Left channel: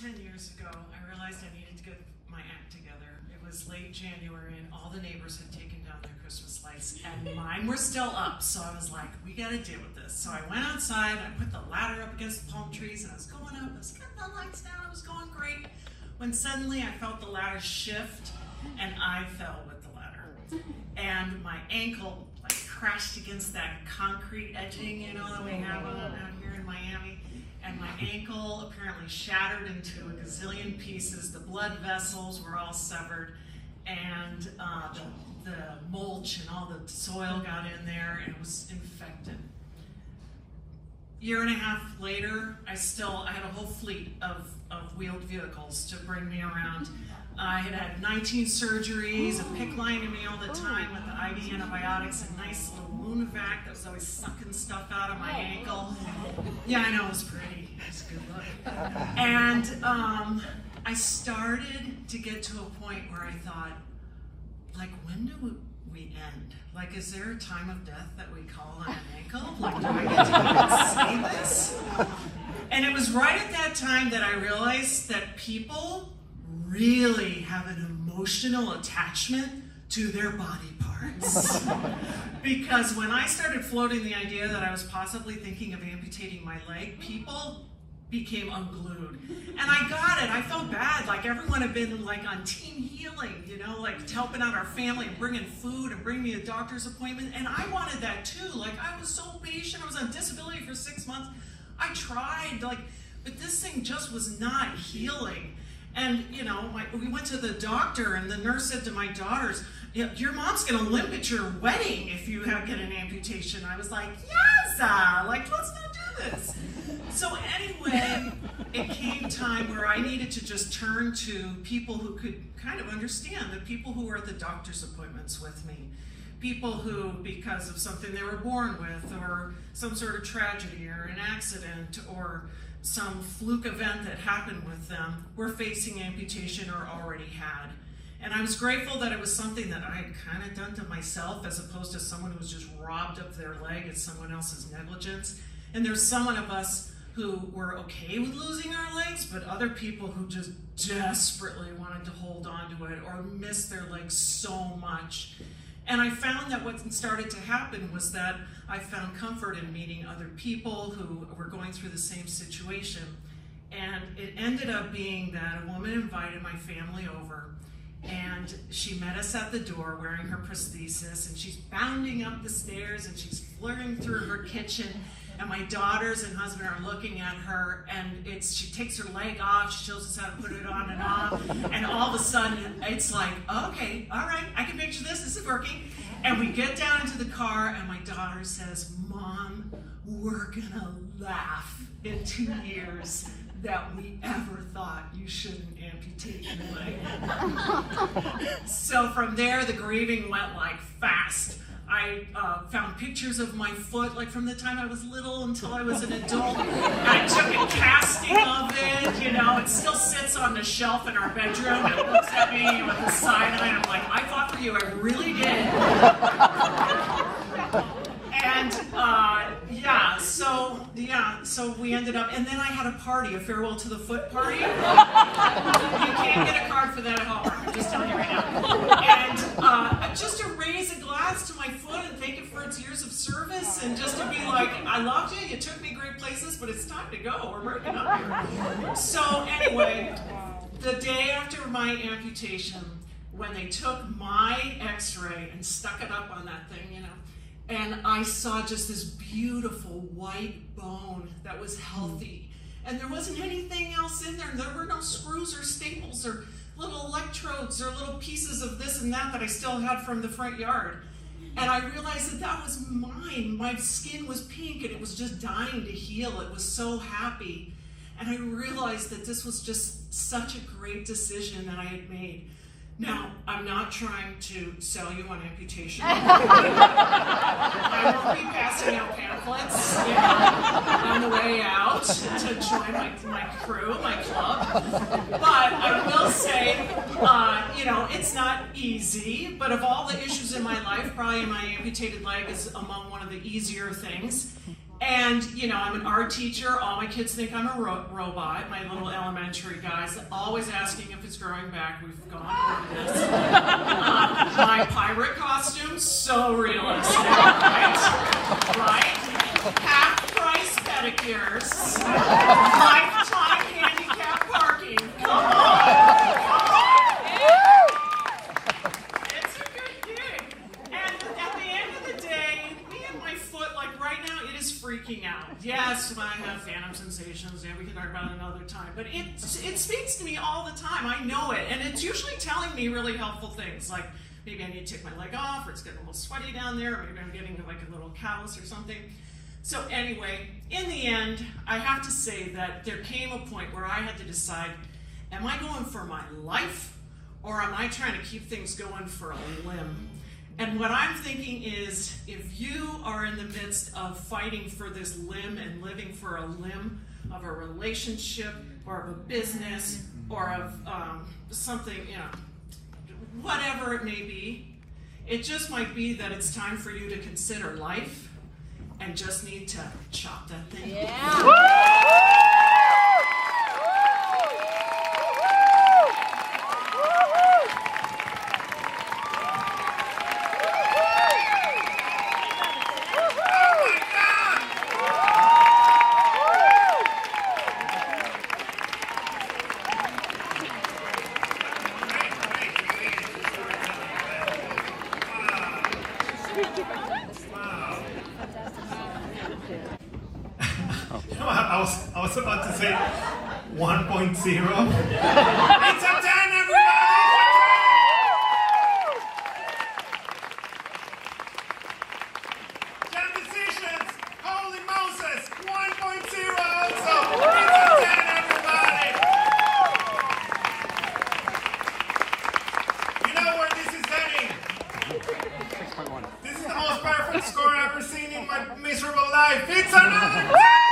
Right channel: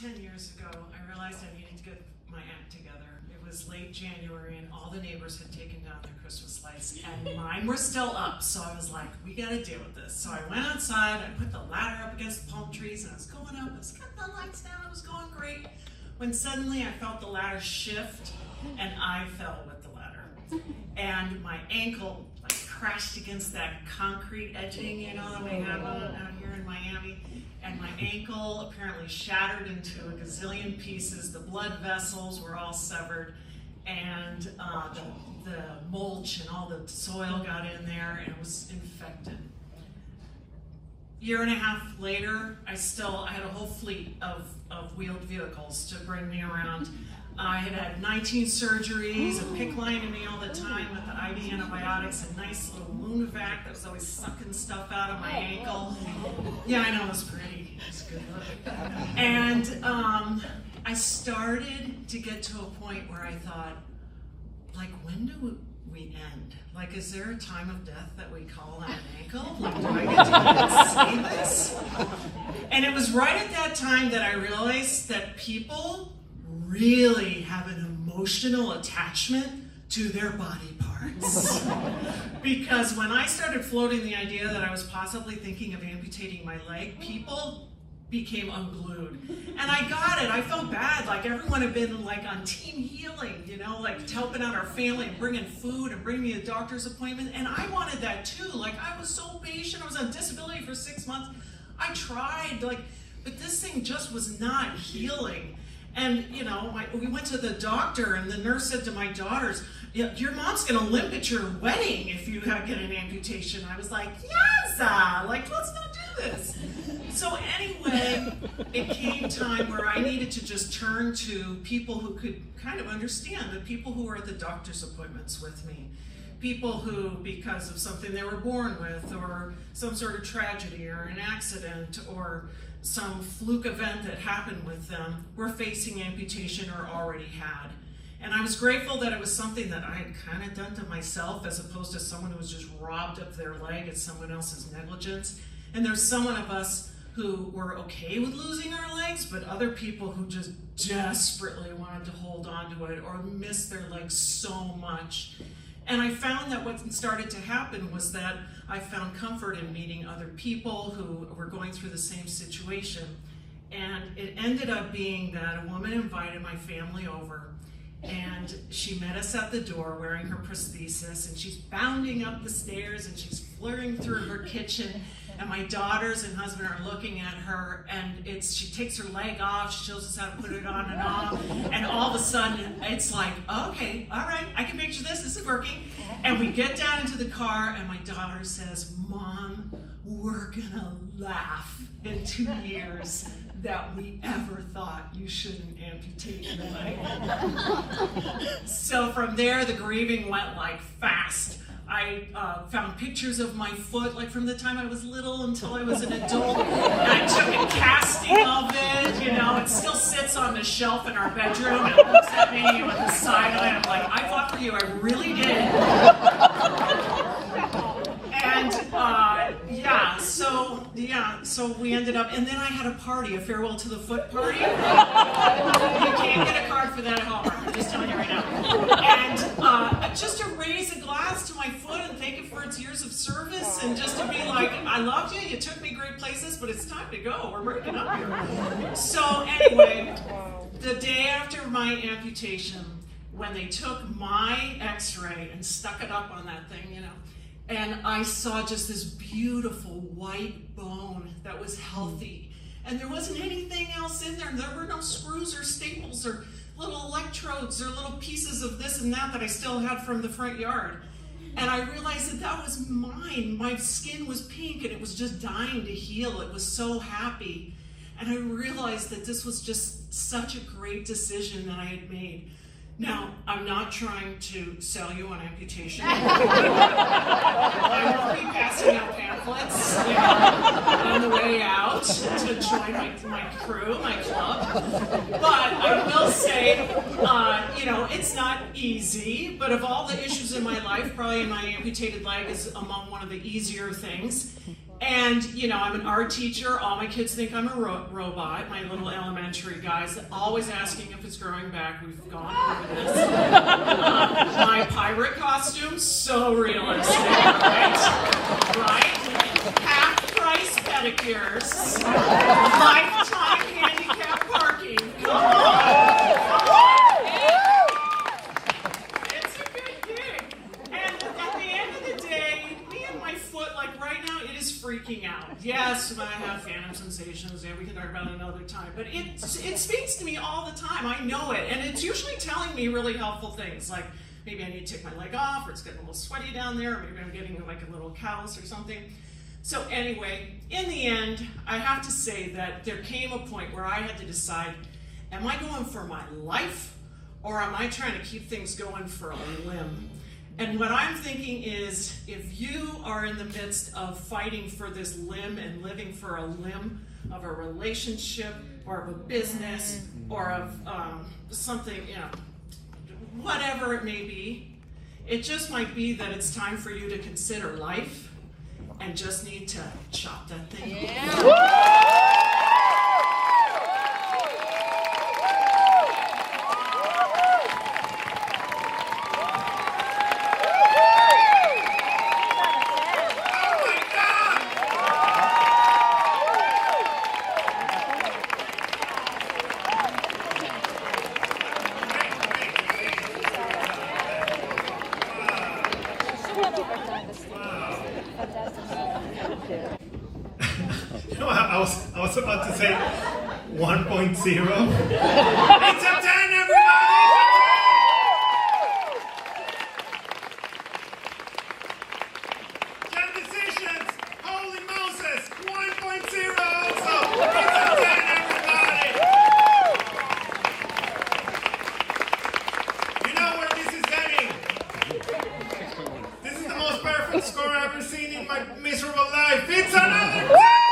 10 years ago, I realized I needed to get my act together. It was late January and all the neighbors had taken down their Christmas lights and mine were still up. So I was like, we gotta deal with this. So I went outside, I put the ladder up against the palm trees and I was going up, I was getting the lights down, it was going great. When suddenly I felt the ladder shift and I fell with the ladder. And my ankle crashed against that concrete edging, you know, that we have out here in Miami. And my ankle apparently shattered into a gazillion pieces. The blood vessels were all severed, and the mulch and all the soil got in there, and it was infected. Year and a half later, I had a whole fleet of wheeled vehicles to bring me around. I had had 19 surgeries, a PICC line in me all the time with the IV antibiotics, a nice little wound vac that was always sucking stuff out of my ankle. Yeah, I know, it was pretty. It was good look. And I started to get to a point where I thought, like, when do we end? Like, is there a time of death that we call on an ankle? Like, do I get to even say this? And it was right at that time that I realized that people really have an emotional attachment to their body parts. Because when I started floating the idea that I was possibly thinking of amputating my leg, people became unglued. And I got it. I felt bad. Like everyone had been like on team healing, you know, like helping out our family and bringing food and bringing me a doctor's appointment. And I wanted that too. Like I was so patient. I was on disability for 6 months. I tried, but this thing just was not healing. And, you know, we went to the doctor and the nurse said to my daughters, your mom's going to limp at your wedding if you get an amputation. I was like, yes, let's not do this. So anyway, it came time where I needed to just turn to people who could kind of understand, the people who were at the doctor's appointments with me. People who, because of something they were born with, or some sort of tragedy or an accident, or some fluke event that happened with them, were facing amputation or already had. And I was grateful that it was something that I had kind of done to myself as opposed to someone who was just robbed of their leg at someone else's negligence. And there's some of us who were okay with losing our legs, but other people who just desperately wanted to hold on to it or miss their legs so much. And I found that what started to happen was that I found comfort in meeting other people who were going through the same situation. And it ended up being that a woman invited my family over, and she met us at the door wearing her prosthesis, and she's bounding up the stairs and she's flirting through her kitchen. And my daughters and husband are looking at her, and she takes her leg off, she shows us how to put it on and off, and all of a sudden it's like, okay, all right, I can picture this is working. And we get down into the car, and my daughter says, Mom, we're gonna laugh in 2 years that we ever thought you shouldn't amputate your leg. So from there, the grieving went like fast. I found pictures of my foot, like from the time I was little until I was an adult, and I took a casting of it, you know, it still sits on the shelf in our bedroom, and it looks at me with a side eye, and I'm like, I fought for you, I really did. And so we ended up, and then I had a party, a farewell to the foot party. You can't get a card for that at Hallmark, I'm just telling you right now. And just to raise a glass to my foot and thank it for its years of service, and just to be like, I loved you, you took me great places, but it's time to go, we're breaking up here. So anyway, the day after my amputation, when they took my x-ray and stuck it up on that thing, you know, and I saw just this beautiful white bone that was healthy. And there wasn't anything else in there. There were no screws or staples or little electrodes or little pieces of this and that I still had from the front yard. And I realized that was mine. My skin was pink and it was just dying to heal. It was so happy. And I realized that this was just such a great decision that I had made. Now, I'm not trying to sell you on amputation. I will be passing out pamphlets on the way out to join my crew, my club. But I will say, it's not easy, but of all the issues in my life, probably my amputated leg is among one of the easier things. And, you know, I'm an art teacher. All my kids think I'm a robot. My little elementary guys always asking if it's growing back. We've gone over this. My pirate costume, so realistic, right? Right? Half-price pedicures. Lifetime handicap parking. Come on. It's a good gig. And at the end of the day, me and my foot, like right now, it is freaking out. Yes, I have phantom sensations. Yeah, we can talk about it another time. But it speaks to me all the time. I know it. And it's usually telling me really helpful things. Like maybe I need to take my leg off, or it's getting a little sweaty down there, or maybe I'm getting like a little callus or something. So anyway, in the end, I have to say that there came a point where I had to decide, am I going for my life, or am I trying to keep things going for a limb? And what I'm thinking is, if you are in the midst of fighting for this limb and living for a limb of a relationship or of a business or of something, you know, whatever it may be, it just might be that it's time for you to consider life and just need to chop that thing. Yeah. I was about to say 1.0. It's a 10, everybody! Jam decisions! Holy Moses! 1.0! So it's a 10, everybody! You know where this is heading? This is the most perfect score I've ever seen in my miserable life. It's another 10!